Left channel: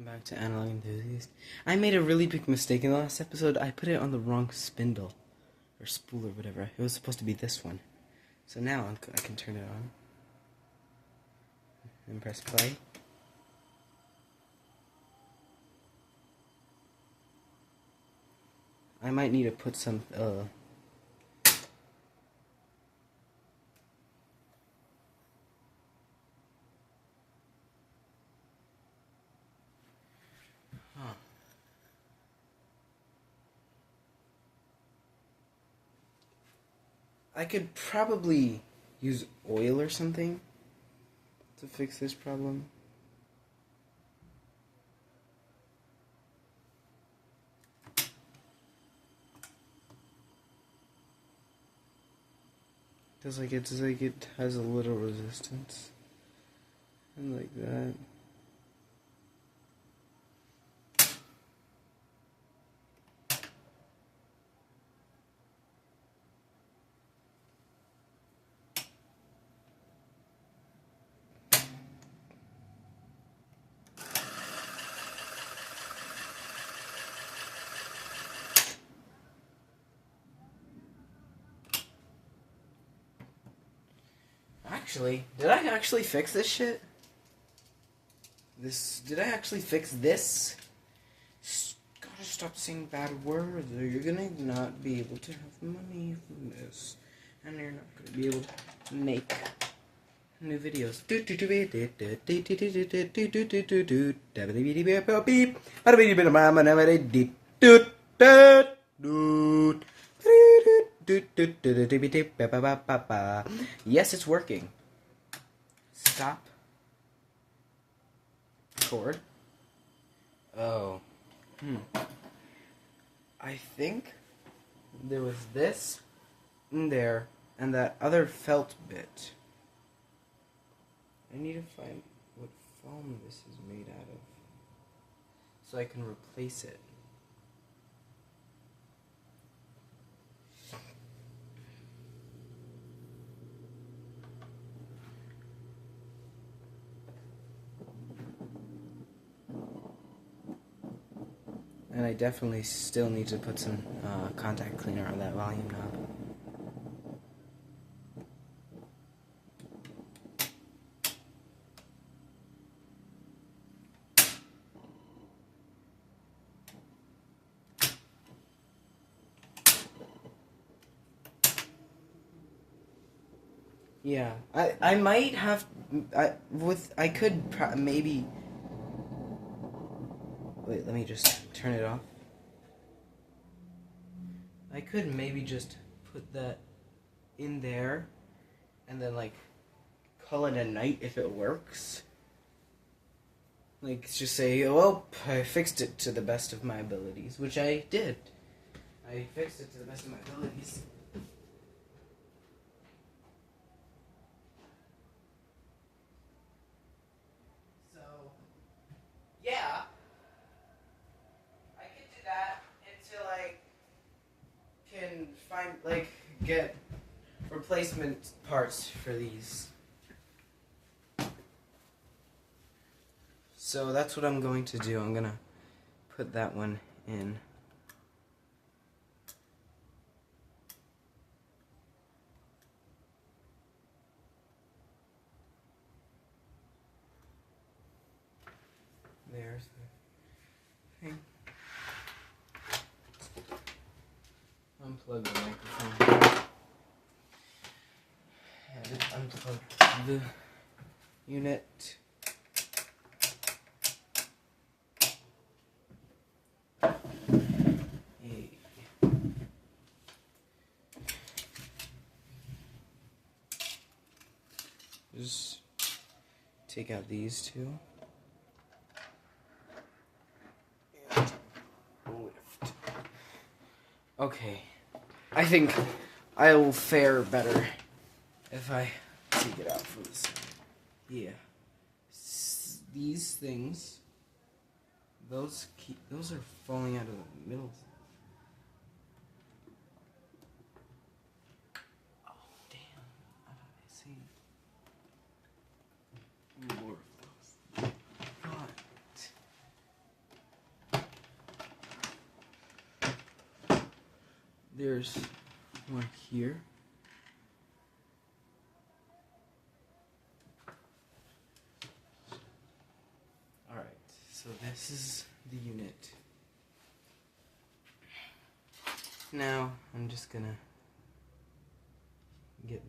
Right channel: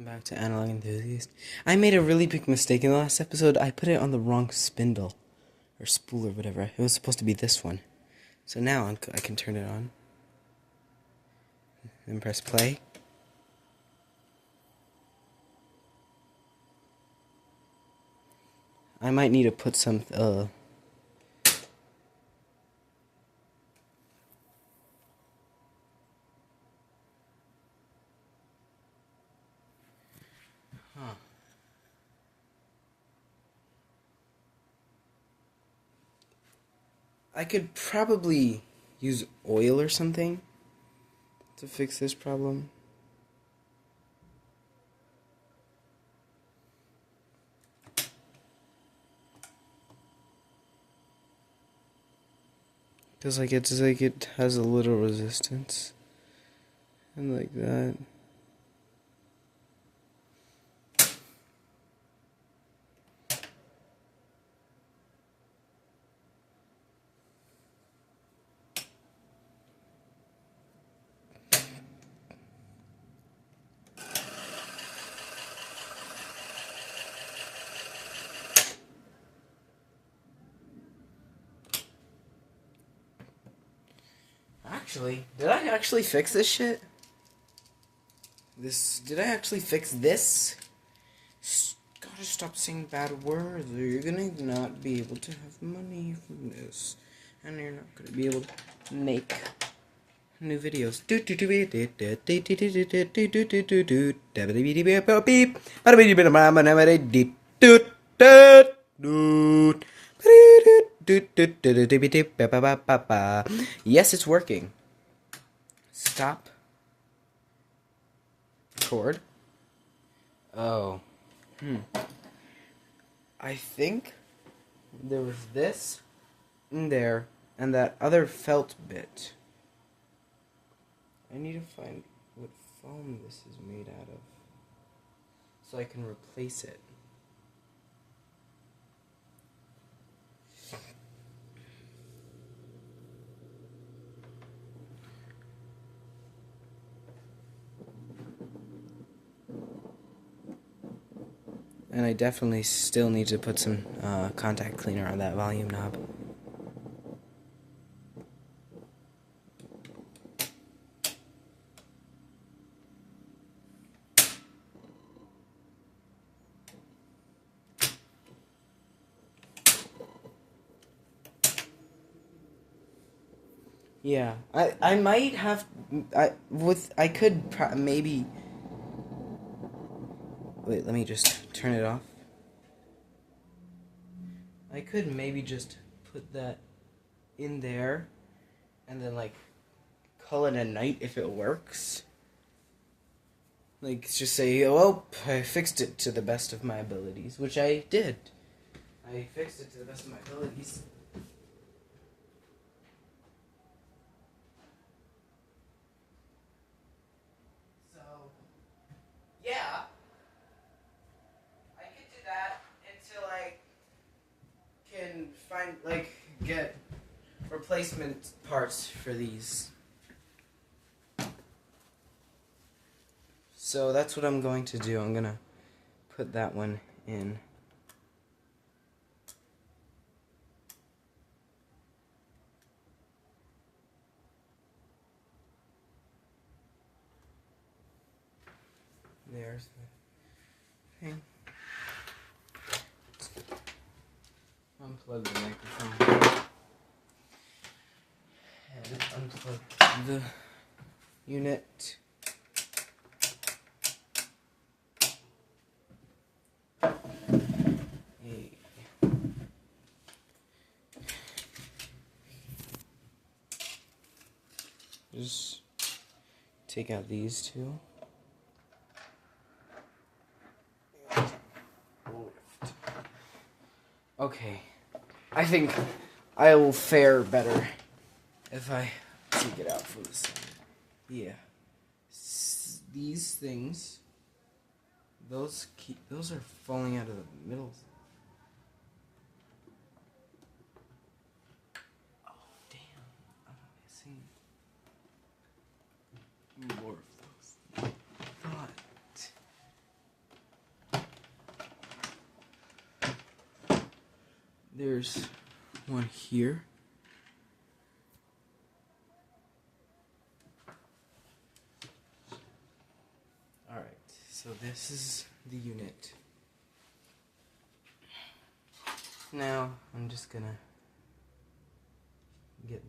Back to Analog Enthusiast. I made a really big mistake in the last episode. I put it on the wrong spindle. Or spool or whatever. It was supposed to be this one. So now I can turn it on. And press play. I might need to put some... I could probably use oil or something to fix this problem. It's like it has a little resistance. And like that. Actually, did I actually fix this shit? Did I actually fix this? Gotta stop saying bad words or you're gonna not be able to have money from this. And you're not gonna be able to make new videos. Yes, it's working. Stop. Chord. Oh. I think there was this in there and that other felt bit. I need to find what foam this is made out of so I can replace it. And I definitely still need to put some contact cleaner on that volume knob. Yeah, I might have I could maybe wait, let me just turn it off. I could maybe just put that in there and then like call it a night if it works. Like just say, "Oh, I fixed it to the best of my abilities," which I did. I fixed it to the best of my abilities. So, yeah. I can do that until I can find, get replacement parts for these. So that's what I'm going to do. I'm going to put that one in. There's the thing. Unplug the microphone. And unplug the unit. Just take out these two. Lift. Okay. I think I will fare better if I take it out from this. Yeah. These things, those are falling out of the middle. Oh damn! I see more of those. What? there's one here. Alright, so this is the unit. Now, I'm just gonna get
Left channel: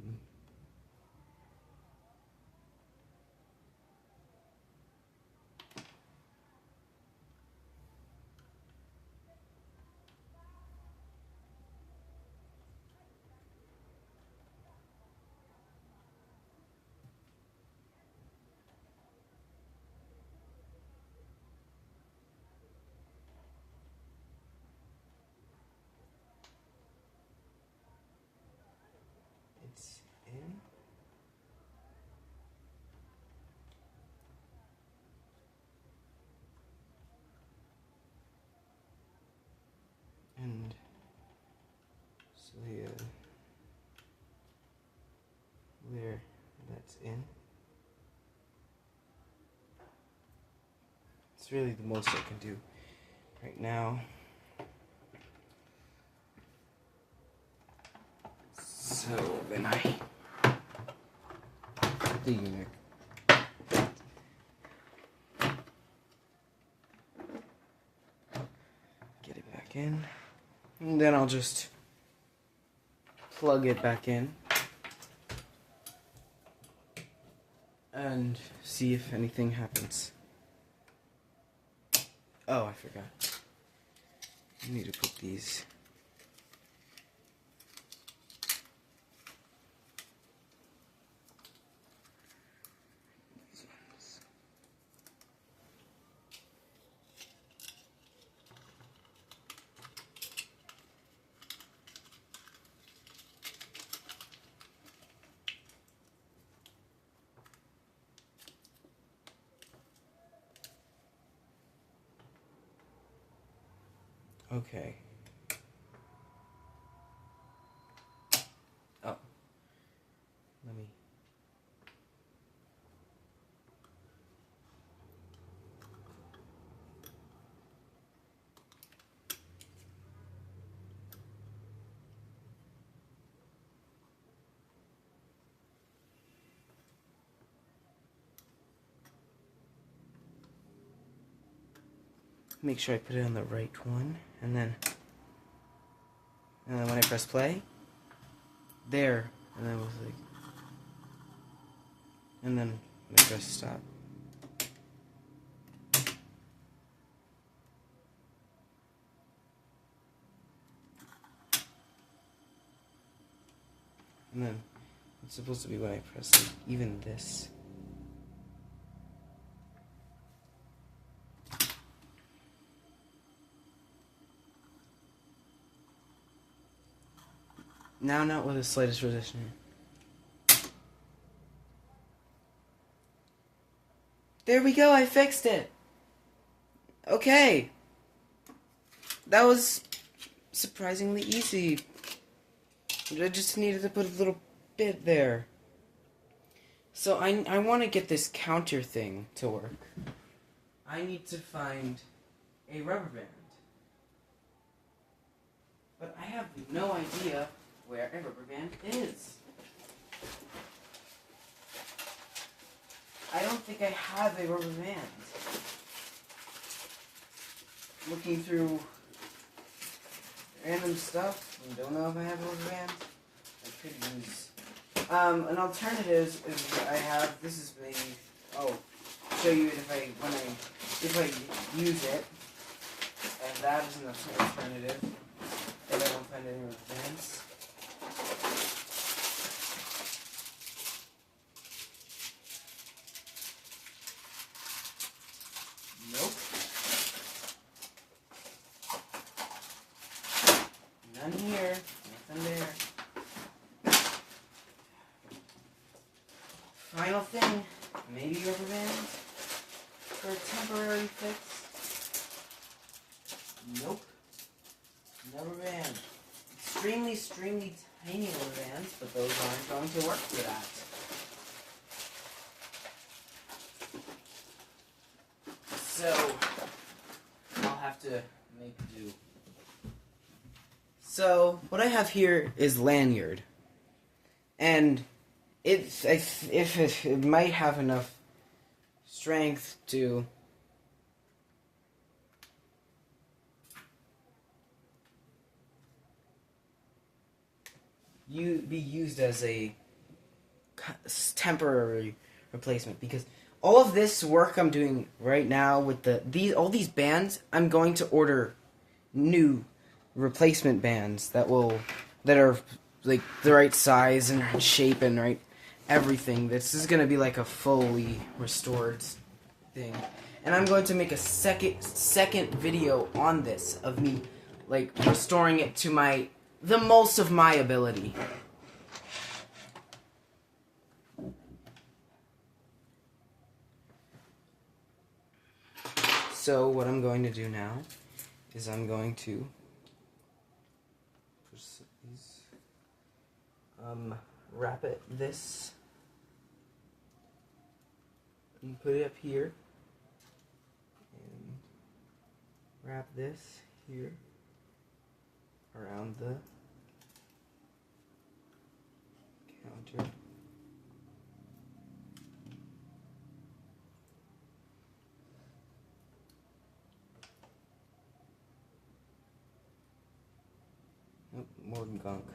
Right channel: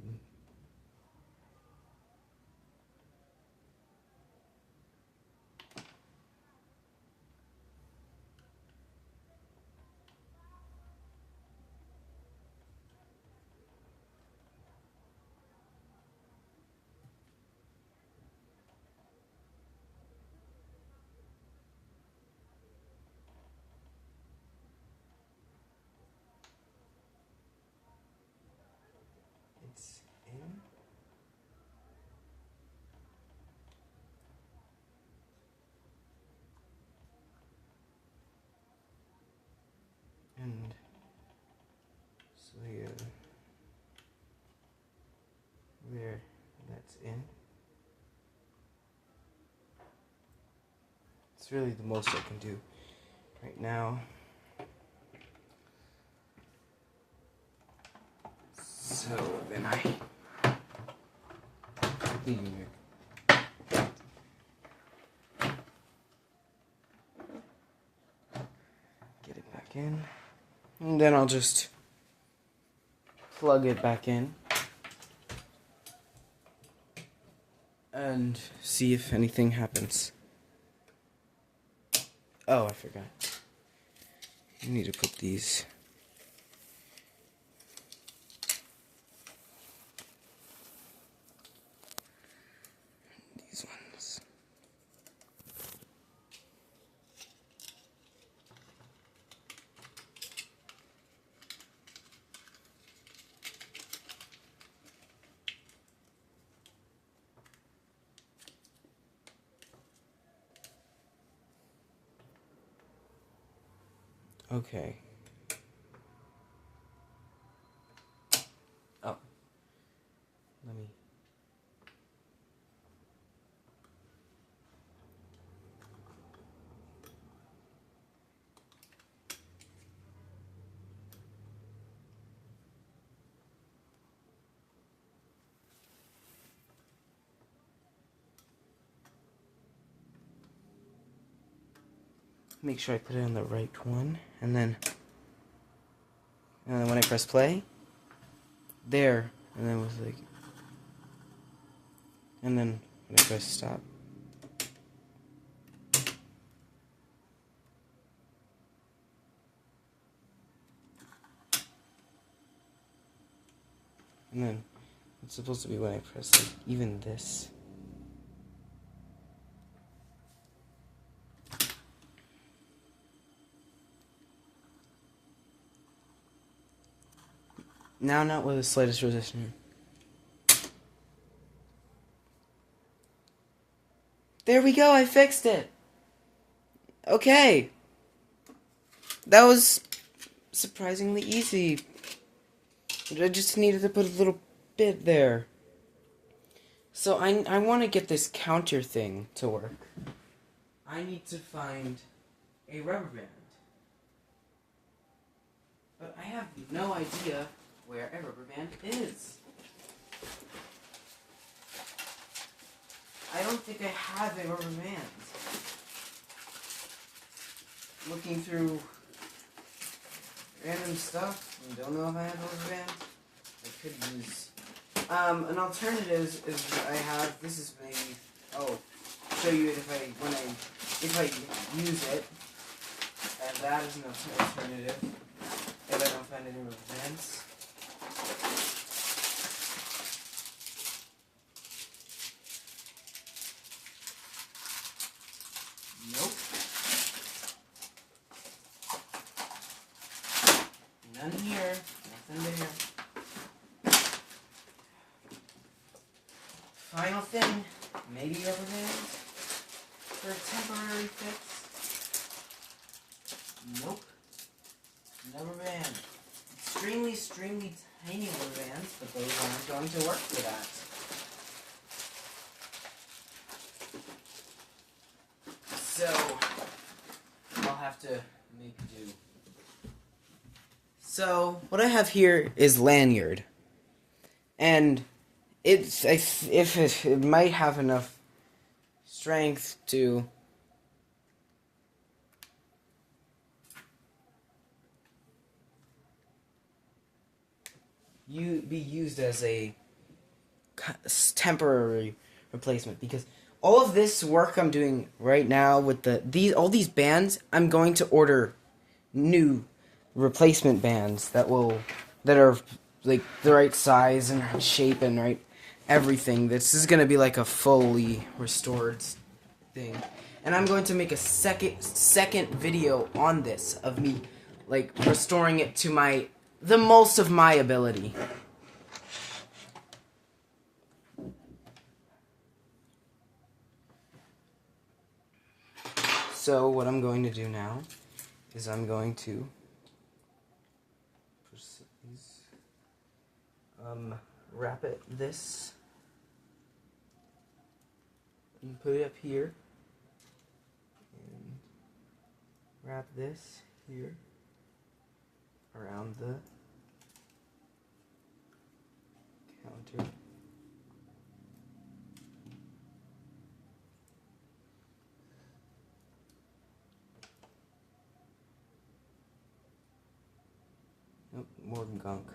it's in. And so yeah, there, that's in. It's really the most I can do right now. So then I put the unit. Get it back in. And then I'll just plug it back in and see if anything happens. Oh, I forgot. I need to put these. These ones. Okay. Oh. Let me. Make sure I put it on the right one, and then when I press play, there, and then with like, and then when I press stop. And then it's supposed to be when I press like even this. Now not with the slightest resistance. There we go, I fixed it. Okay. That was surprisingly easy. I just needed to put a little bit there. So I want to get this counter thing to work. I need to find a rubber band. But I have no idea where a rubber band is. I don't think I have a rubber band. Looking through random stuff, and don't know if I have a rubber band. I could use. An alternative is I have. This is maybe. Oh, show you it if I use it, and that is an alternative. If I don't find any rubber bands. Nope. None here. Nothing there. Final thing. Maybe rubber band for a temporary fix. Nope. No rubber band. Extremely tiny rubber bands, but those aren't going to work for that. So I'll have to make do. So So what I have here is lanyard, and it might have enough strength to be used as a temporary replacement, because all of this work I'm doing right now with all these bands, I'm going to order new replacement bands that are like the right size and right shape and right everything. This is gonna be like a fully restored thing, and I'm going to make a second video on this of me like restoring it to the most of my ability. So what I'm going to do now is I'm going to wrap this and put it up here, and wrap this here around the counter. Nope, more gunk.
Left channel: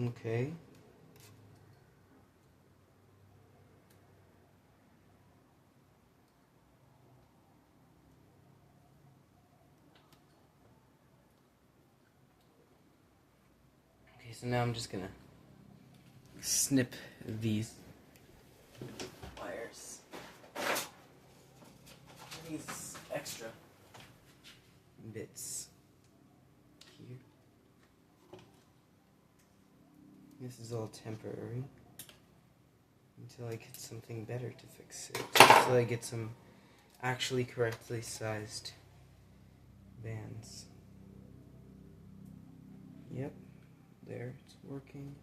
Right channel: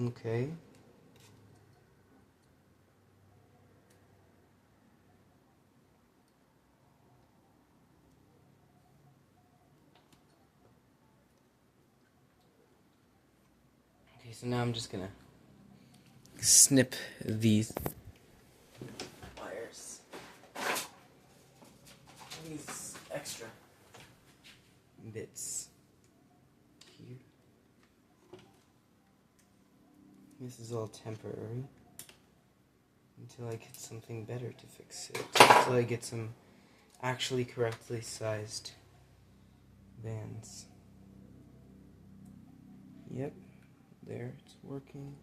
Okay. Okay, so now I'm just gonna snip these wires. These extra bits. This is all temporary until I get something better to fix it. Until I get some actually correctly sized bands. Yep, there, it's working.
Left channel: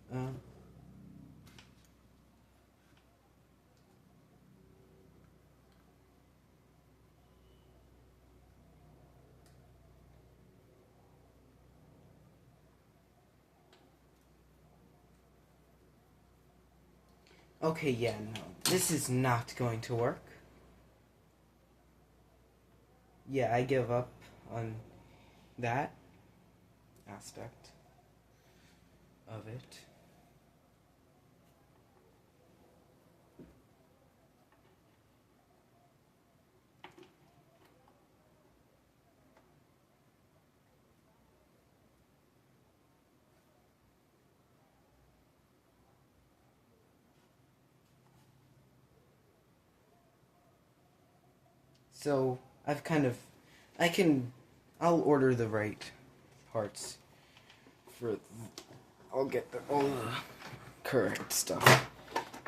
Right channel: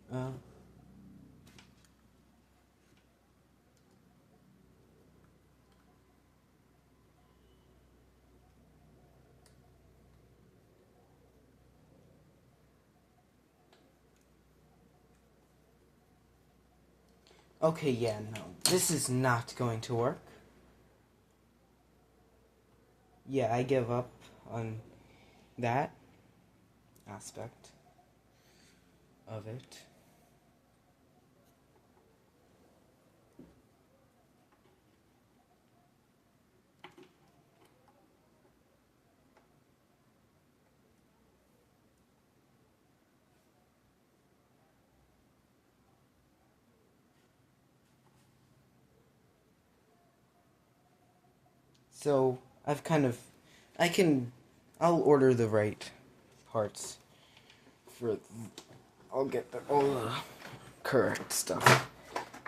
Okay, yeah, no, this is not going to work. Yeah, I give up on that aspect of it. So, I'll order the right parts I'll get all the correct stuff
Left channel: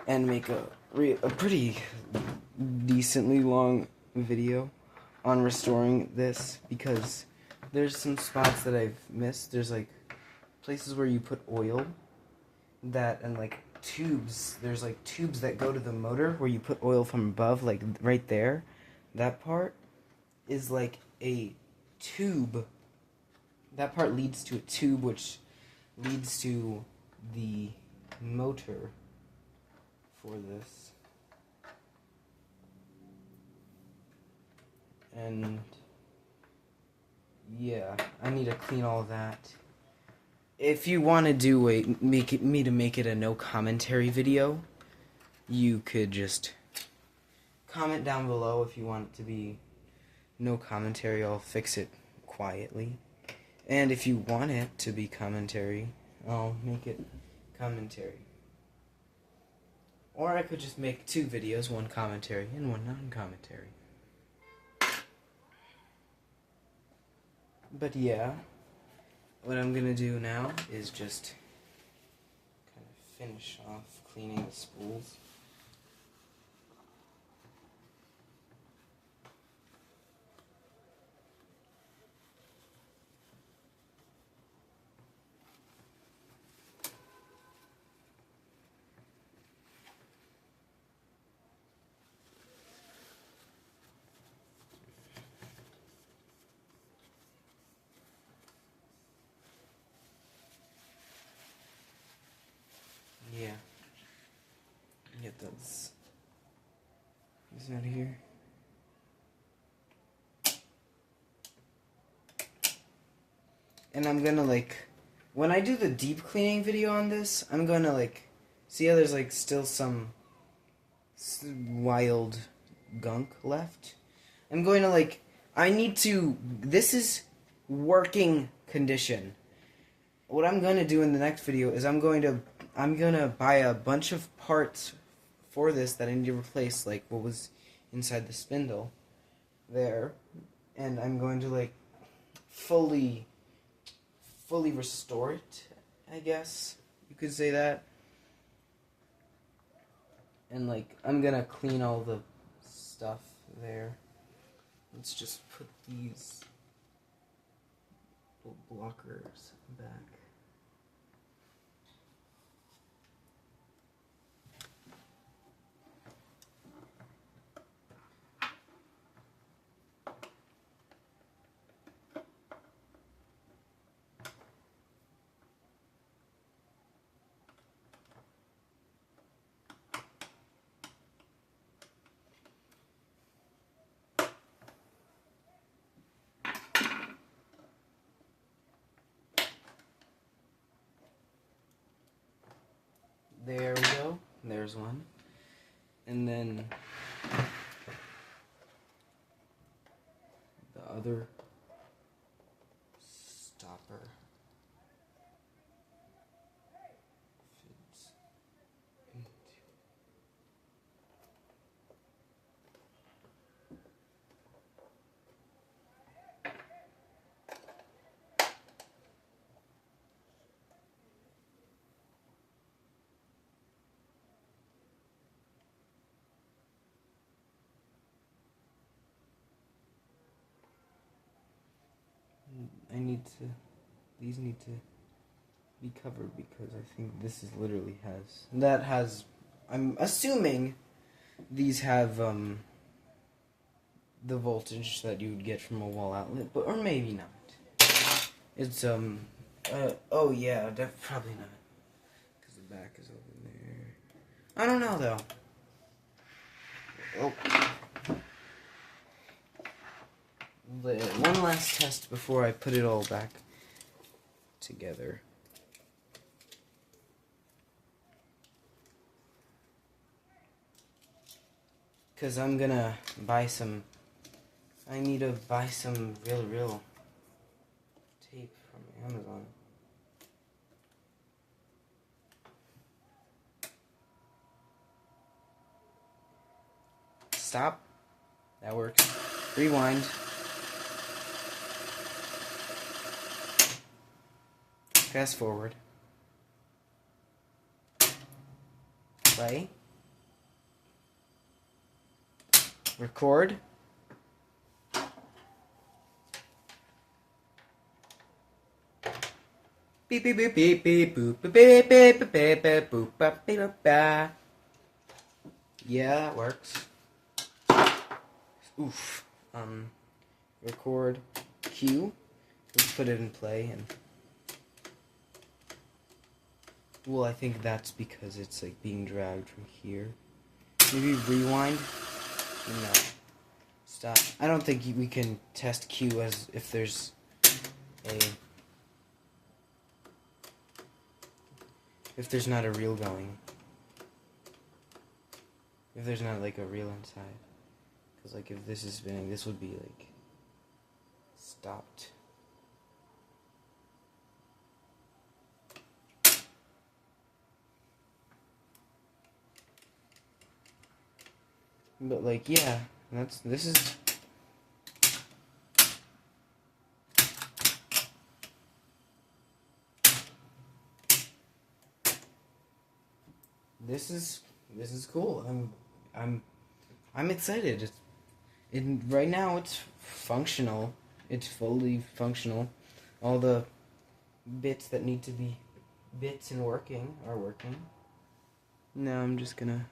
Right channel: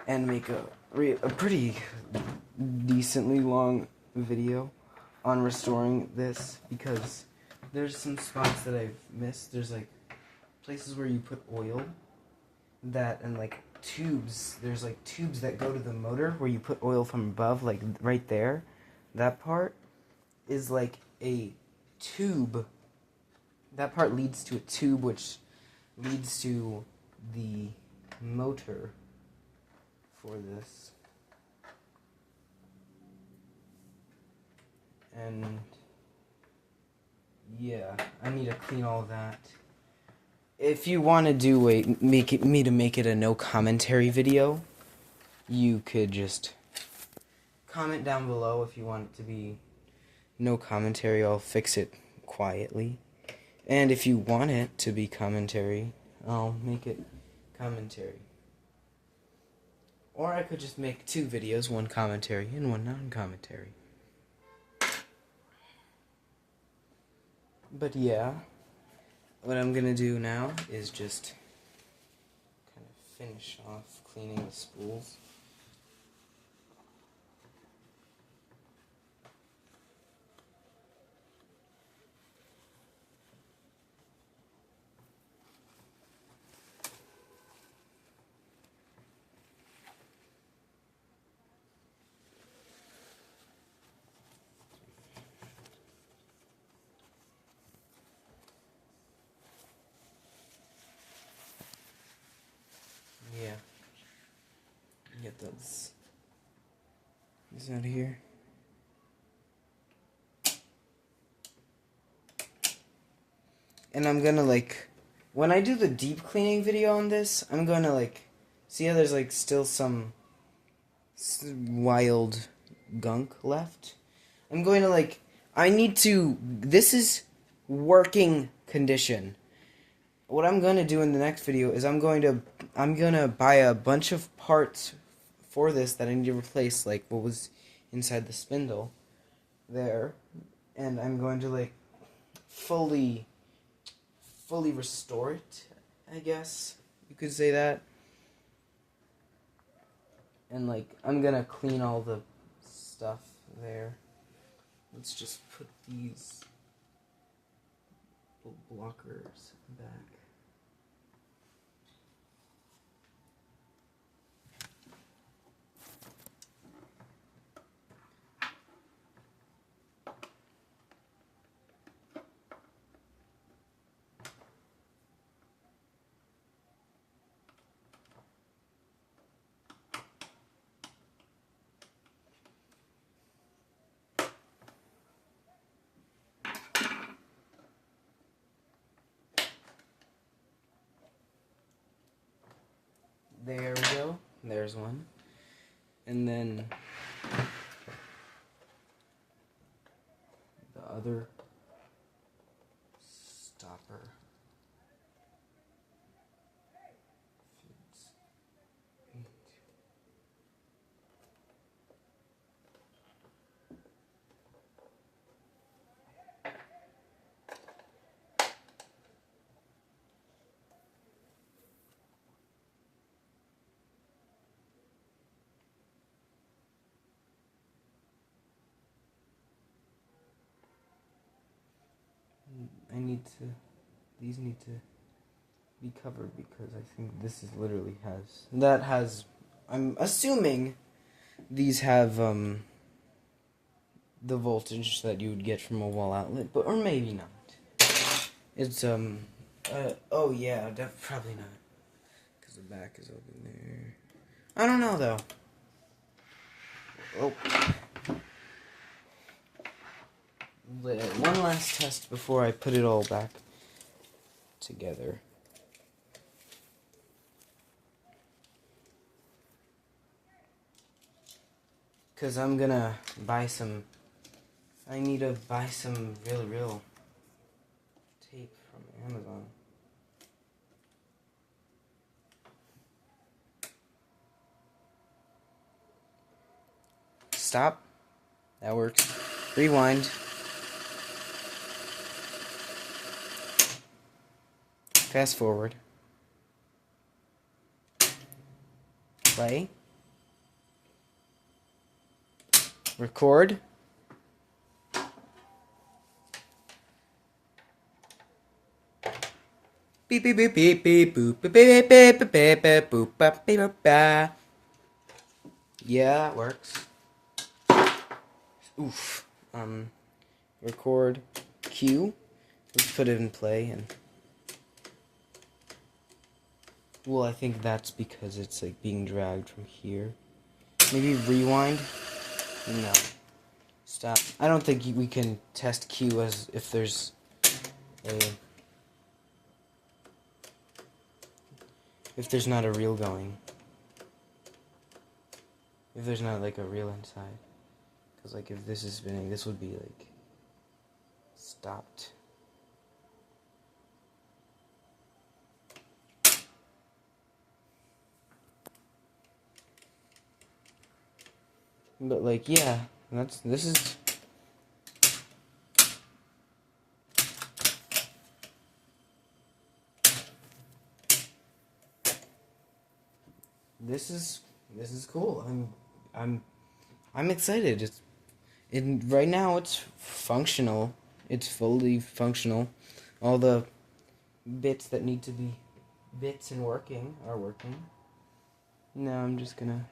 and make a pretty decently long video on restoring this, because there's some spots that I've missed. There's like places where you put oil and like tubes. There's like tubes that go to the motor where you put oil from above, like right there. That part is like a tube. That part leads to a tube, which leads to the motor for this. And yeah, I need to clean all that. If you want to do make it a no commentary video, you could just comment down below if you want it to be no commentary. I'll fix it quietly. And if you want it to be commentary, I'll make it commentary. Or I could just make 2 videos, one commentary and one non-commentary. But yeah, what I'm gonna do now is just kind of finish off cleaning the spools. Yeah. Get those. These out here. And I'm gonna when I do the deep cleaning video on this, I'm gonna see how there's still some wild gunk left. I'm going to this is working condition. What I'm gonna do in the next video is I'm gonna buy a bunch of parts for this that I need to replace, like what was inside the spindle there, and I'm going to fully restore it, I guess you could say that. And I'm gonna clean all the stuff there. Let's just put these blockers back. There we go. There's one. And then the other stopper fits into. These need to be covered because I think this is literally I'm assuming these have the voltage that you would get from a wall outlet, or maybe not. It's oh yeah, probably not, because the back is over there. I don't know though. Oh. One last test before I put it all back together. Because I'm gonna buy some. I need to buy some real tape from Amazon. Stop. That works. Rewind. Fast forward. Play. Record. Beep beep beep beep beep boop beep beep beep beep beep beep boop beep beep beep. Yeah, that works. Oof. Record Q. Let's put it in play and. Well, I think that's because it's being dragged from here. Maybe rewind? No. Stop. I don't think we can test Q as if there's not a reel going. If there's not a reel inside. Because if this is spinning, this would be stopped. But like, yeah, this is. This is cool. I'm excited. Right now it's functional. It's fully functional. All the bits that need to be bits and working are working. Now I'm just gonna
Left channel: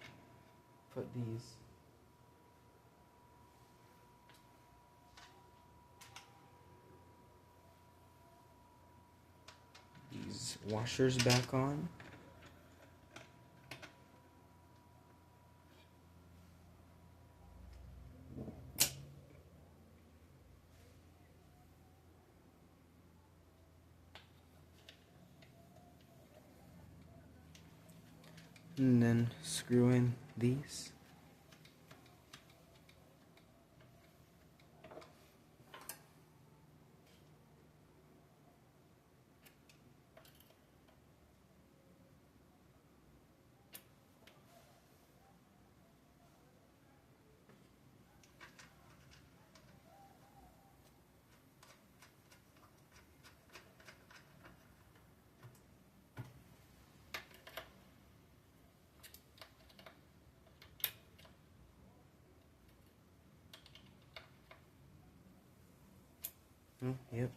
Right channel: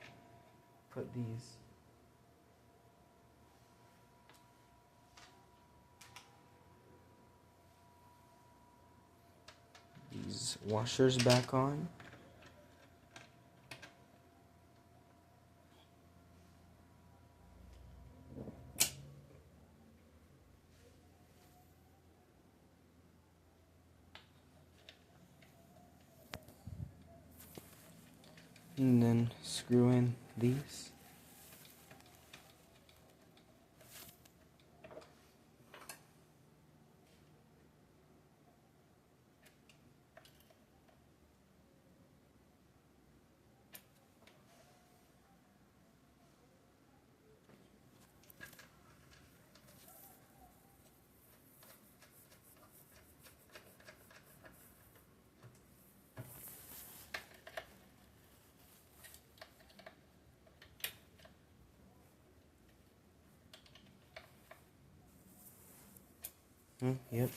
put these washers back on. And then screw in these. Yep.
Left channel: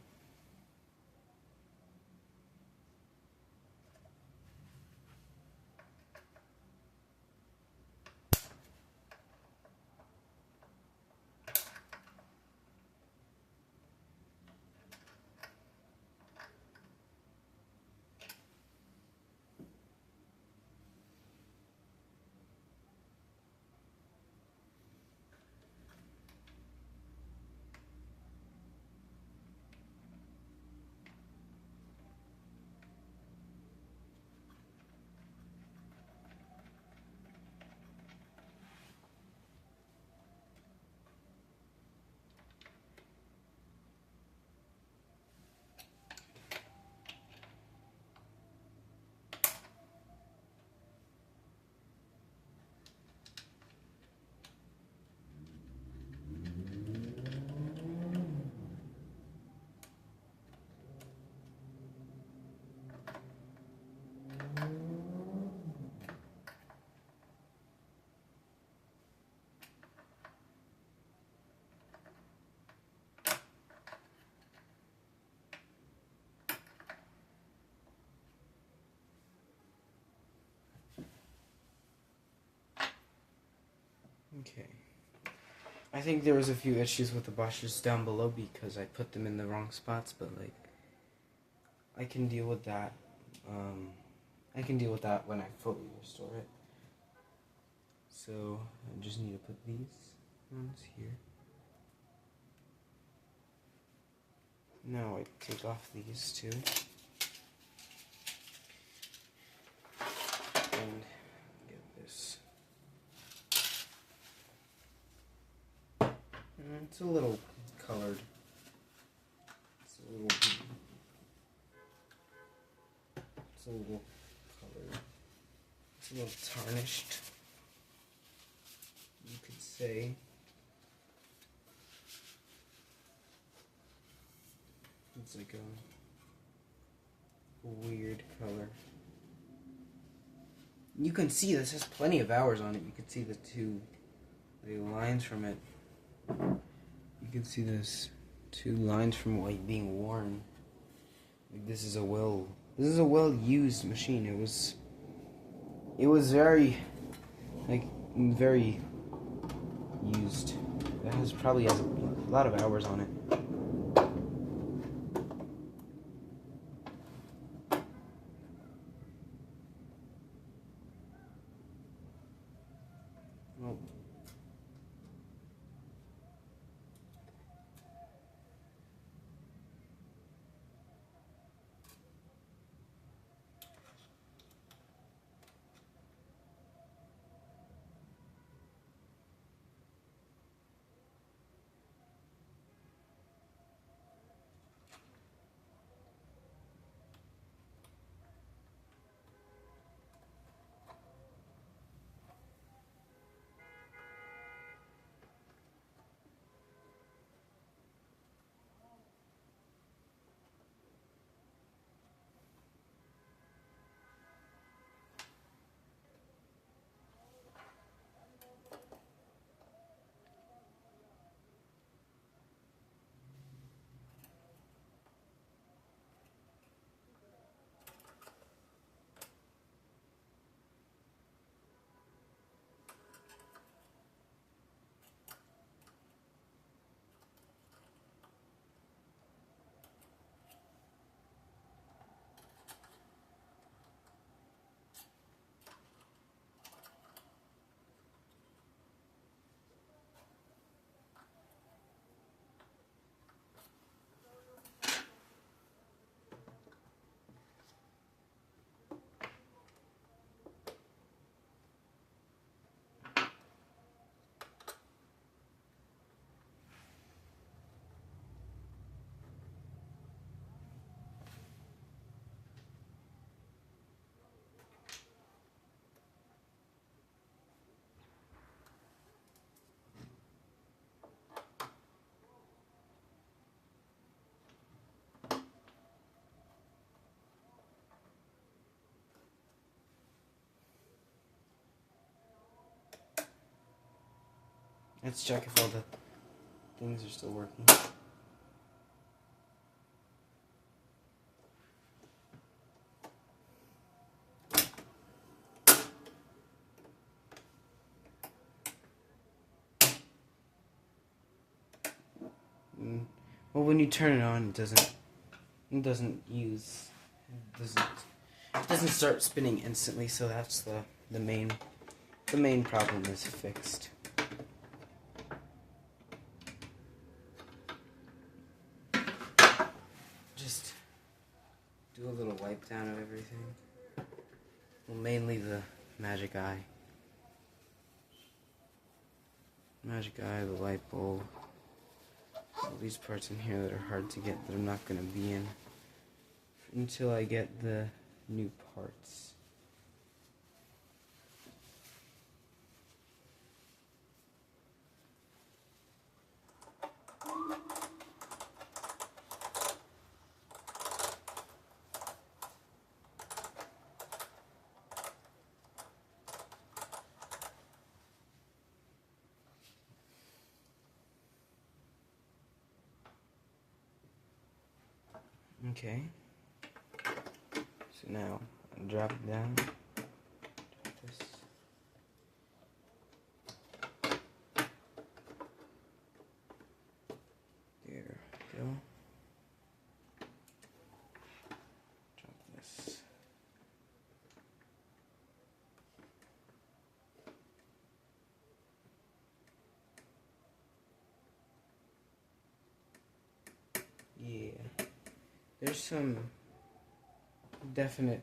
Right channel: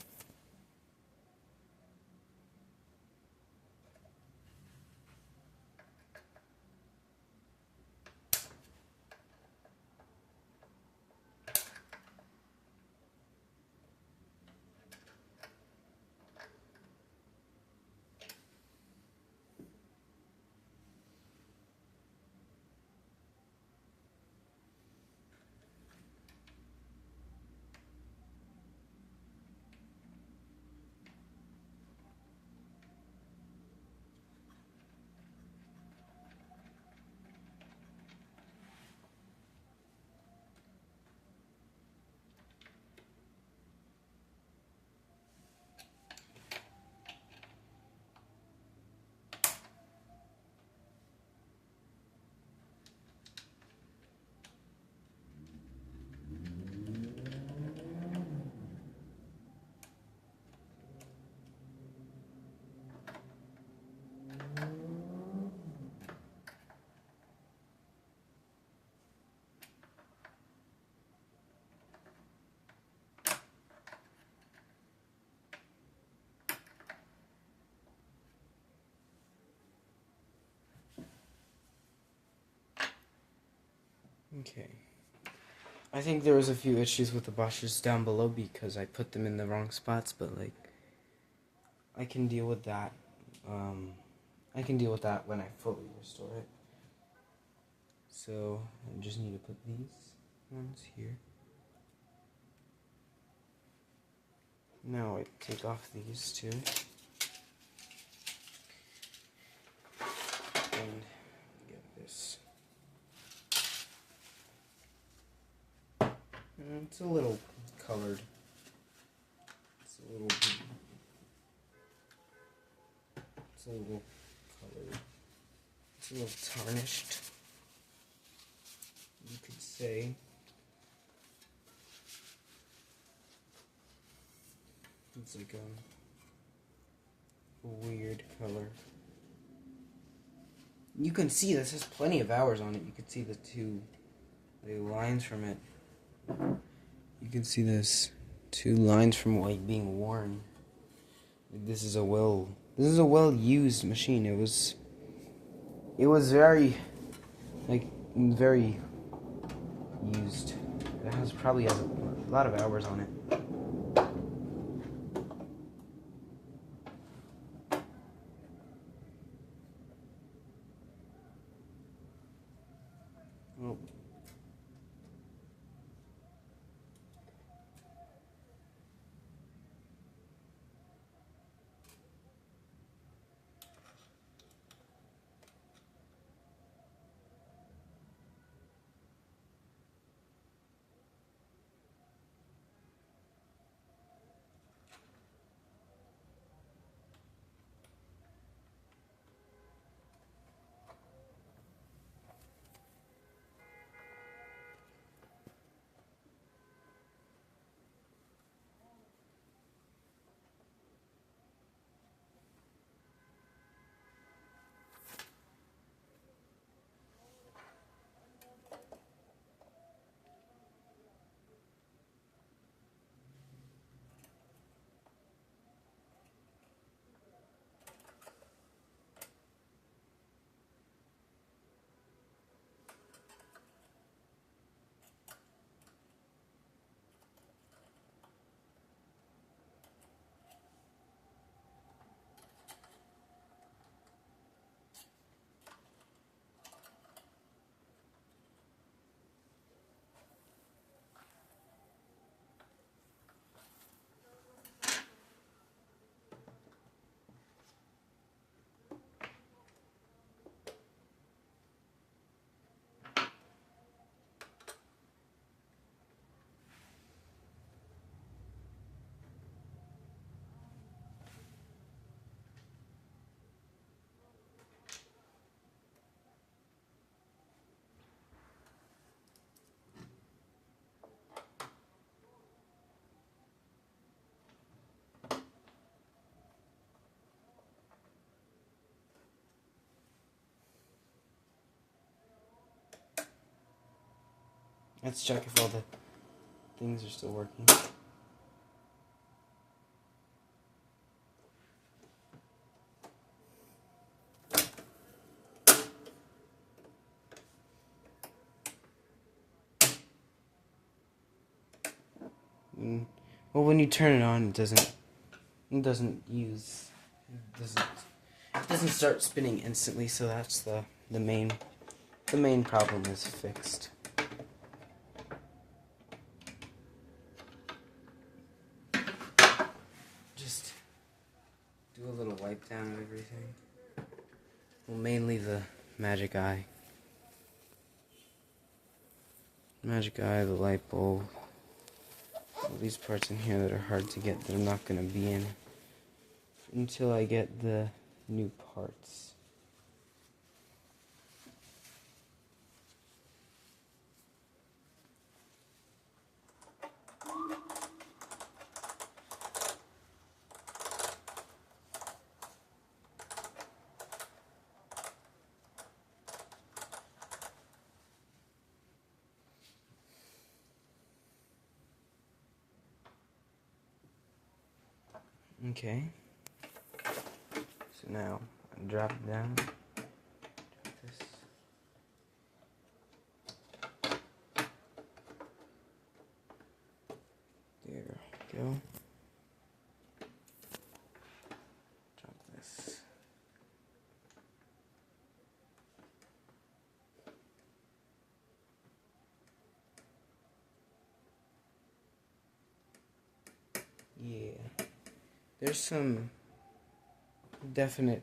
Okay. I think there was a few issues with the brushes down below because I put them in the wrong spots, but like, I can deal with that. I can deal with that when I fully restore it. So I just need to put these ones here. Now I take off these two. And get this. It's a little colored. It's a little colored. It's a little tarnished, you could say. It's like a weird color. You can see this has plenty of hours on it. You can see the lines from it. You can see this 2 lines from like being worn. This is a well used machine. It was very very used. It probably has a lot of hours on it. Well, Let's check if all the things are still working. Well, when you turn it on, it doesn't start spinning instantly. So that's the main problem is fixed. Just do a little wipe down of everything. Well, mainly the magic eye. The light bulb. All these parts in here that are hard to get that I'm not going to be in until I get the new parts. Okay, so now I drop it down, drop this. There we go. Drop this. Yeah. There's some definite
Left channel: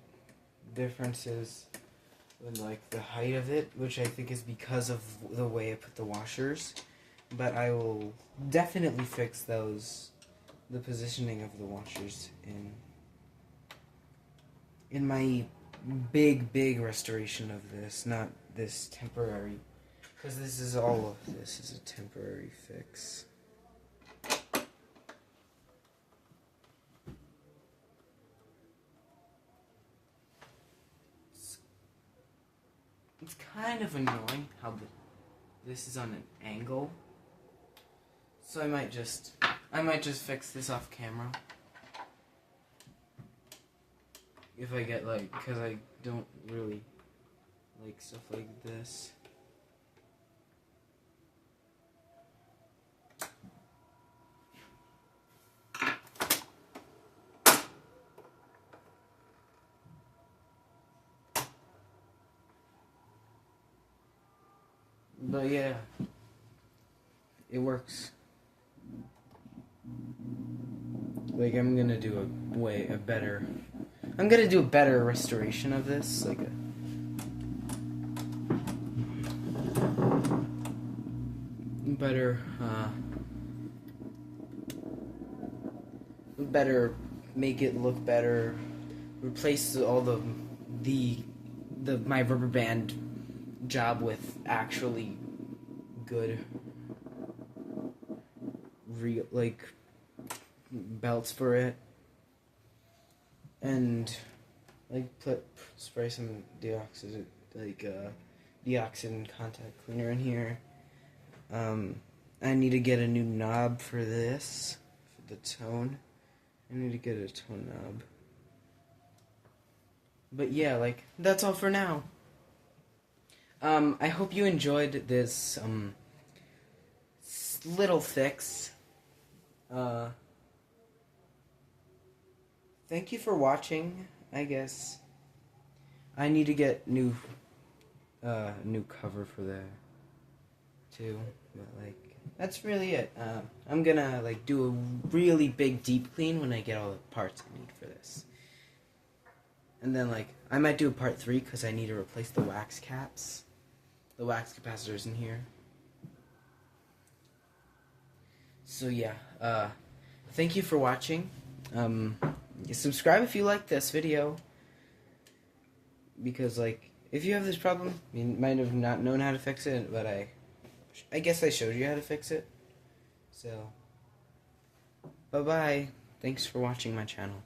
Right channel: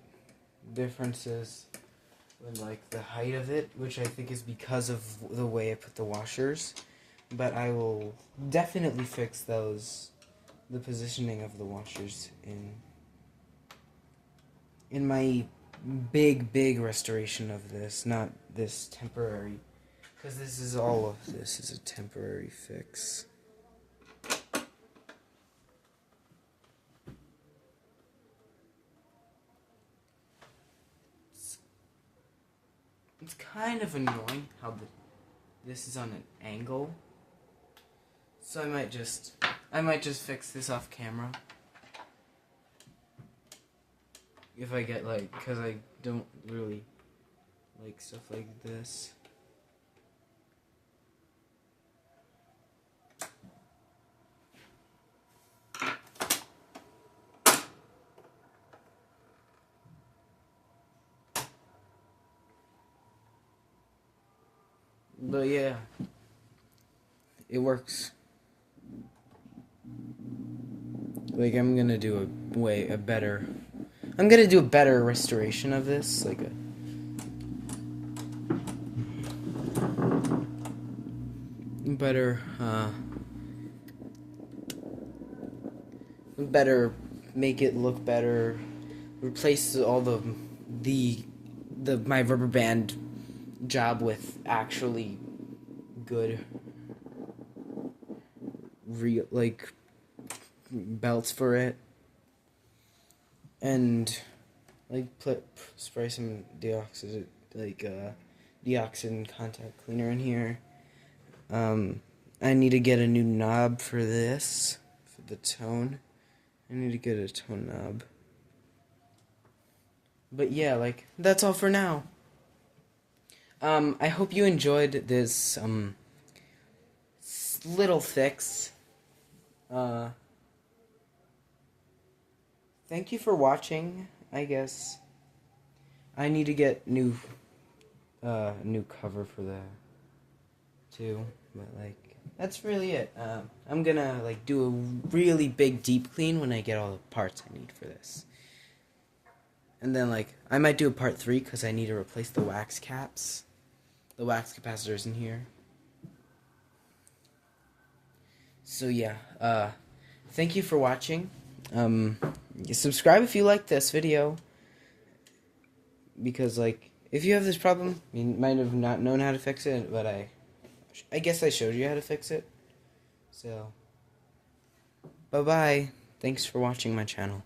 differences in like the height of it, which I think is because of the way I put the washers. But I will definitely fix those, the positioning of the washers in my big restoration of this, not this temporary, because this is all of this is a temporary fix. It's kind of annoying how this is on an angle. So I might just fix this off camera. If I get because I don't really like stuff like this. But yeah, it works. Like I'm gonna do a better restoration of this, like a better make it look better. Replace all my rubber band job with actually good real belts for it, and spray some deoxin contact cleaner in here. I need to get a new knob for this, for the tone. I need to get a tone knob. But yeah, that's all for now. I hope you enjoyed this little fix. Thank you for watching. I guess I need to get new cover for that too. But, that's really it. I'm gonna do a really big deep clean when I get all the parts I need for this. And then I might do a part 3 because I need to replace the wax caps. The wax capacitors in here. So yeah, thank you for watching. Subscribe if you like this video. Because if you have this problem, you might have not known how to fix it, but I guess I showed you how to fix it. So, bye-bye. Thanks for watching my channel.